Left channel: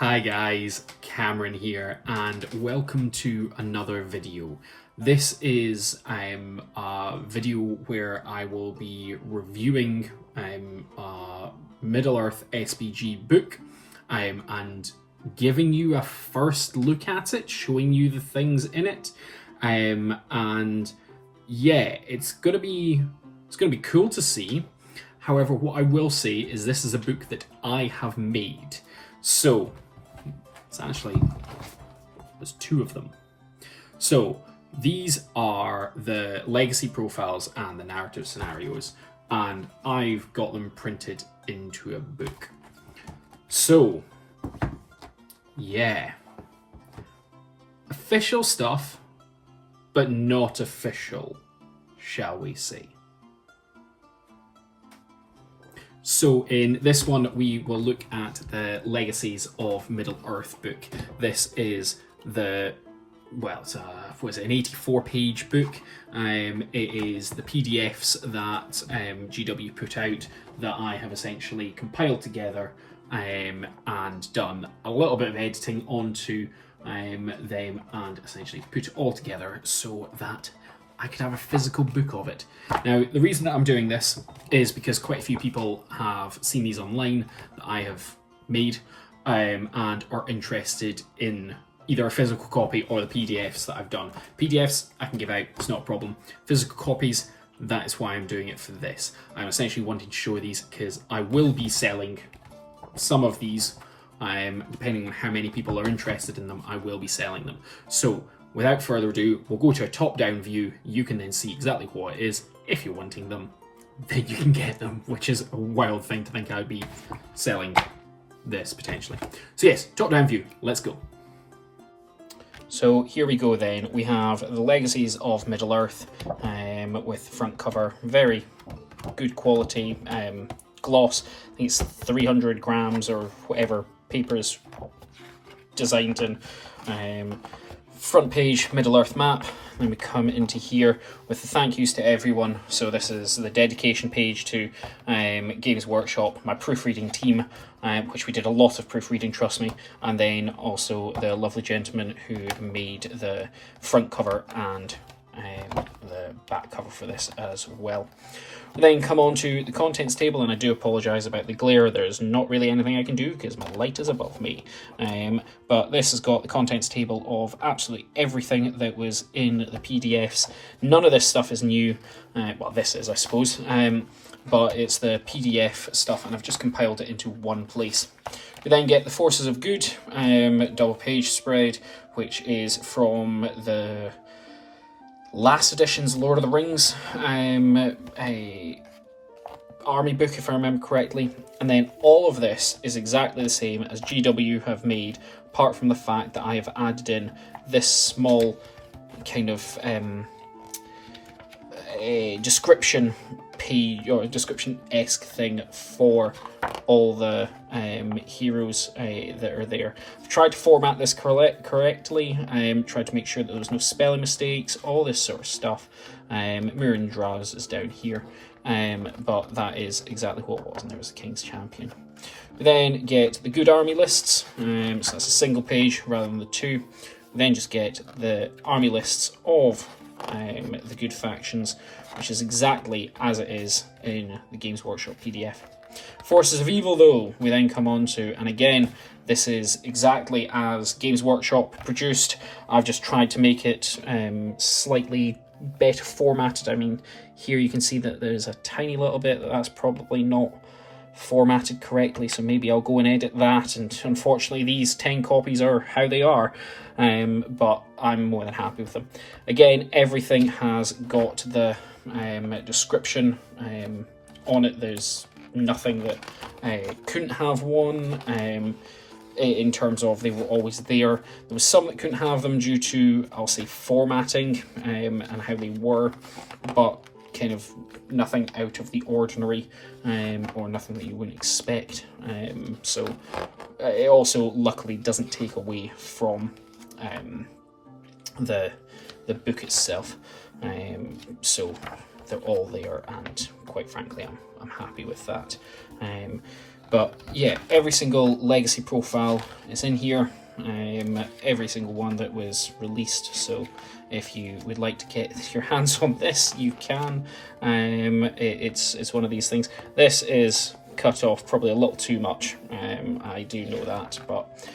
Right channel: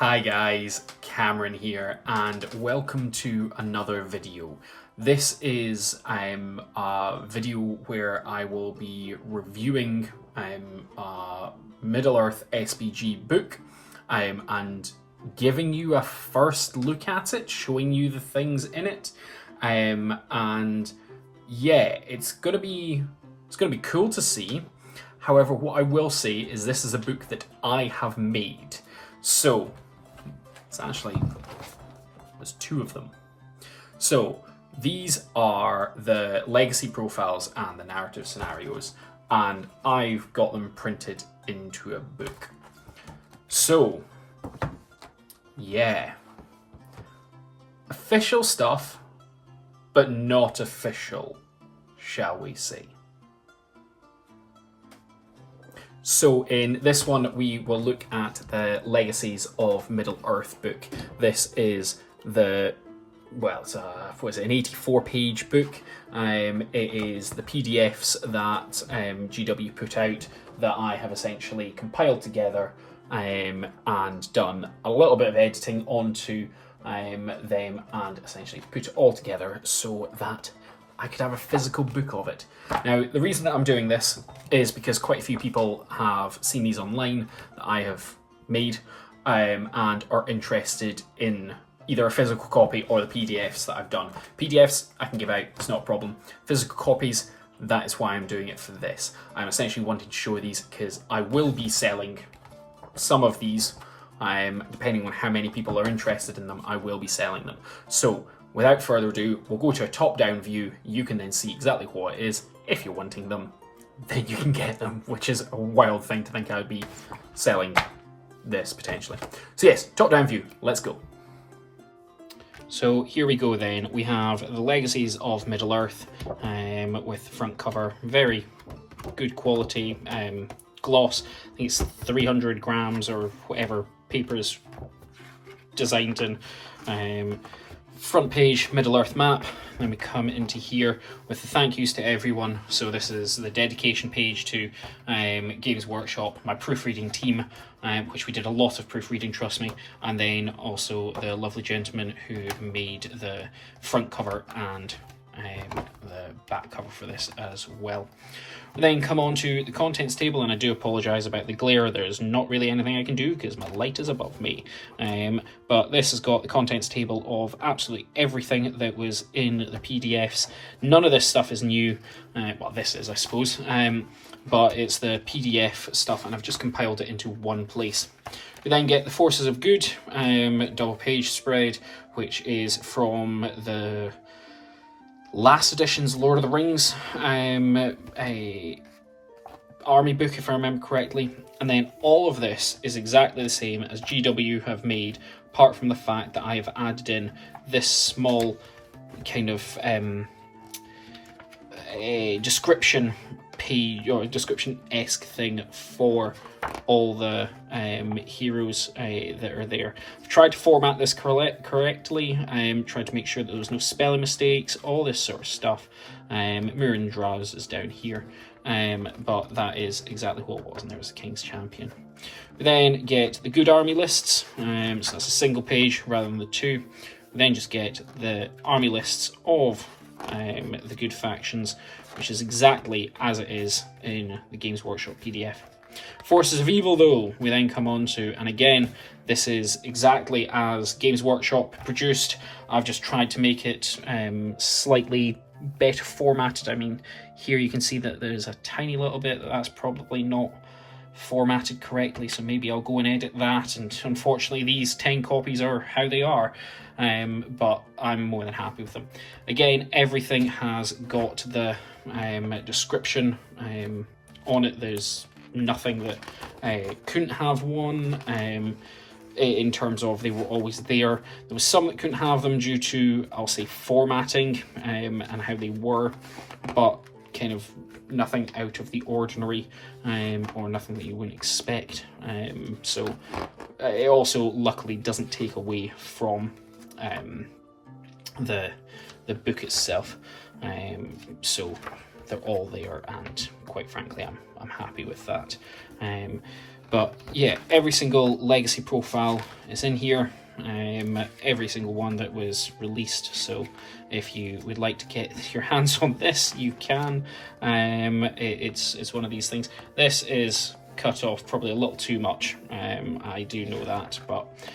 Hi guys, Cameron here, and welcome to another video. This is a video where I will be reviewing a Middle-earth SBG book and giving you a first look at it, showing you the things in it, and yeah, it's gonna be cool to see. However, what I will say is this is a book that I have made, so. There's two of them. So these are the legacy profiles and the narrative scenarios, and I've got them printed into a book. So yeah, official stuff, but not official, shall we say. So in this one, we will look at the Legacies of Middle-earth book. This is the, well, it's a, what is it, an 84-page book. It is the PDFs that GW put out that I have essentially compiled together and done a little bit of editing onto them and essentially put it all together so that I could have a physical book of it. Now, the reason that I'm doing this is because quite a few people have seen these online that I have made and are interested in either a physical copy or the PDFs that I've done. PDFs I can give out, it's not a problem. Physical copies, that is why I'm doing it for this. I'm essentially wanting to show these because I will be selling some of these, depending on how many people are interested in them, I will be selling them. So, without further ado, we'll go to a top-down view. You can then see exactly what it is. If you're wanting them, then you can get them, which is a wild thing to think I'd be selling this potentially. So yes, top-down view, let's go. So here we go then. We have the Legacies of Middle-earth with the front cover, very good quality gloss. I think it's 300 grams or whatever paper is designed in. Front page, Middle-earth map. Then we come into here with the thank yous to everyone. So this is the dedication page to Games Workshop, my proofreading team, which we did a lot of proofreading, trust me, and then also the lovely gentleman who made the front cover and the back cover for this as well. We then come on to the contents table, and I do apologise about the glare. There's not really anything I can do because my light is above me. But this has got the contents table of absolutely everything that was in the PDFs. None of this stuff is new. Well, this is, I suppose. But it's the PDF stuff, and I've just compiled it into one place. We then get the Forces of Good double page spread, which is from the last edition's Lord of the Rings a army book, if I remember correctly, and then all of this is exactly the same as GW have made, apart from the fact that I have added in this small kind of a description page or description-esque thing for all the heroes that are there. I've tried to format this correctly, tried to make sure that there's no spelling mistakes, all this sort of stuff. Mirren Draz is down here, but that is exactly what it was, and there was the King's Champion. We then get the good army lists, so that's a single page rather than the two. We then just get the army lists of the good factions, which is exactly as it is in the Games Workshop PDF. Forces of Evil, though, we then come on to, and again, this is exactly as Games Workshop produced. I've just tried to make it slightly better formatted. I mean, here you can see that there's a tiny little bit that's probably not formatted correctly, so maybe I'll go and edit that, and unfortunately these 10 copies are how they are, but I'm more than happy with them. Again, everything has got the description on it. There's nothing that couldn't have one in terms of they were always there. There was some that couldn't have them due to, I'll say, formatting and how they were, but kind of nothing out of the ordinary or nothing that you wouldn't expect. So it also luckily doesn't take away from the book itself. So they're all there, and quite frankly I'm happy with that. But yeah, every single Legacy profile is in here. Every single one that was released. So if you would like to get your hands on this, you can. It's one of these things. This is cut off probably a little too much. I do know that, but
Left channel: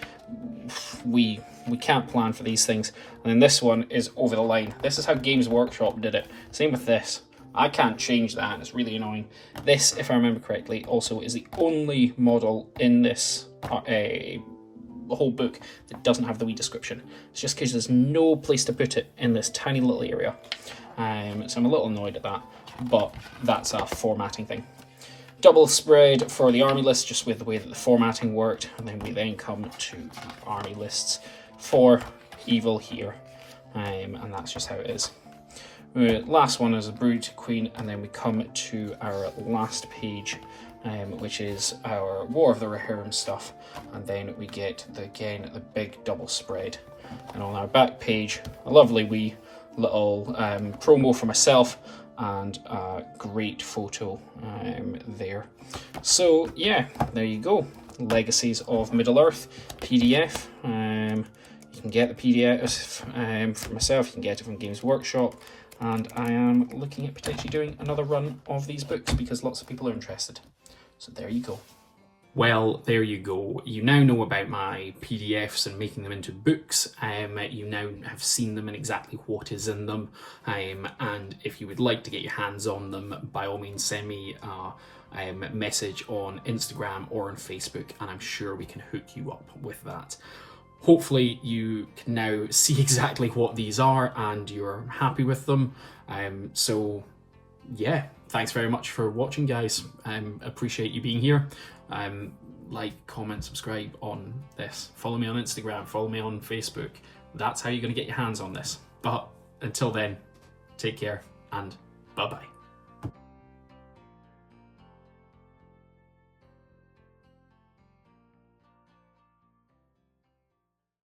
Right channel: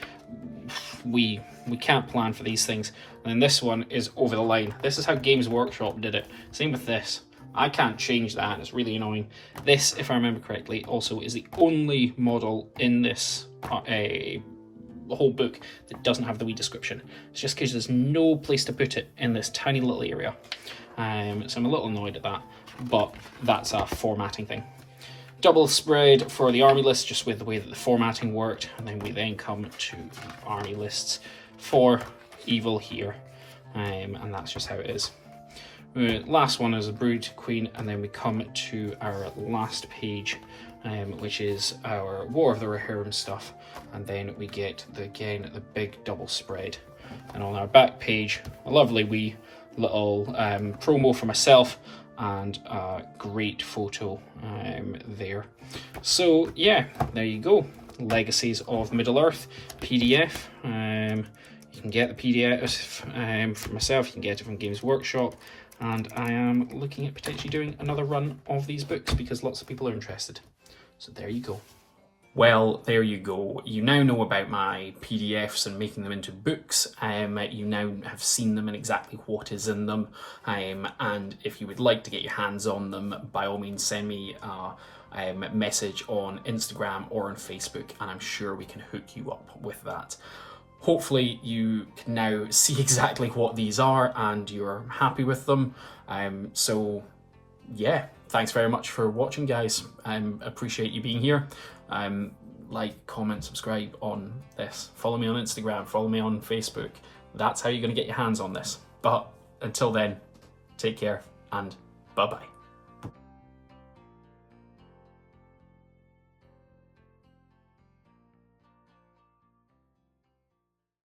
we can't plan for these things. And then this one is over the line. This is how Games Workshop did it. Same with this. I can't change that, it's really annoying. This, if I remember correctly, also is the only model in this whole book that doesn't have the wee description. It's just because there's no place to put it in this tiny little area. So I'm a little annoyed at that, but that's a formatting thing. Double spread for the army list, just with the way that the formatting worked, and then we then come to the army lists for evil here, and that's just how it is. Last one is a Brood Queen, and then we come to our last page, which is our War of the Rohirrim stuff, and then we get again the big double spread. And on our back page, a lovely wee little promo for myself and a great photo there. So yeah, there you go. Legacies of Middle-earth PDF. You can get the PDF for myself, you can get it from Games Workshop, and I am looking at potentially doing another run of these books because lots of people are interested. So there you go. Well, there you go. You now know about my PDFs and making them into books. You now have seen them and exactly what is in them. And if you would like to get your hands on them, by all means send me a message on Instagram or on Facebook, and I'm sure we can hook you up with that. Hopefully you can now see exactly what these are and you're happy with them. So yeah, thanks very much for watching, guys. Appreciate you being here. Like, comment, subscribe on this. Follow me on Instagram, follow me on Facebook. That's how you're going to get your hands on this. But until then, take care and bye-bye.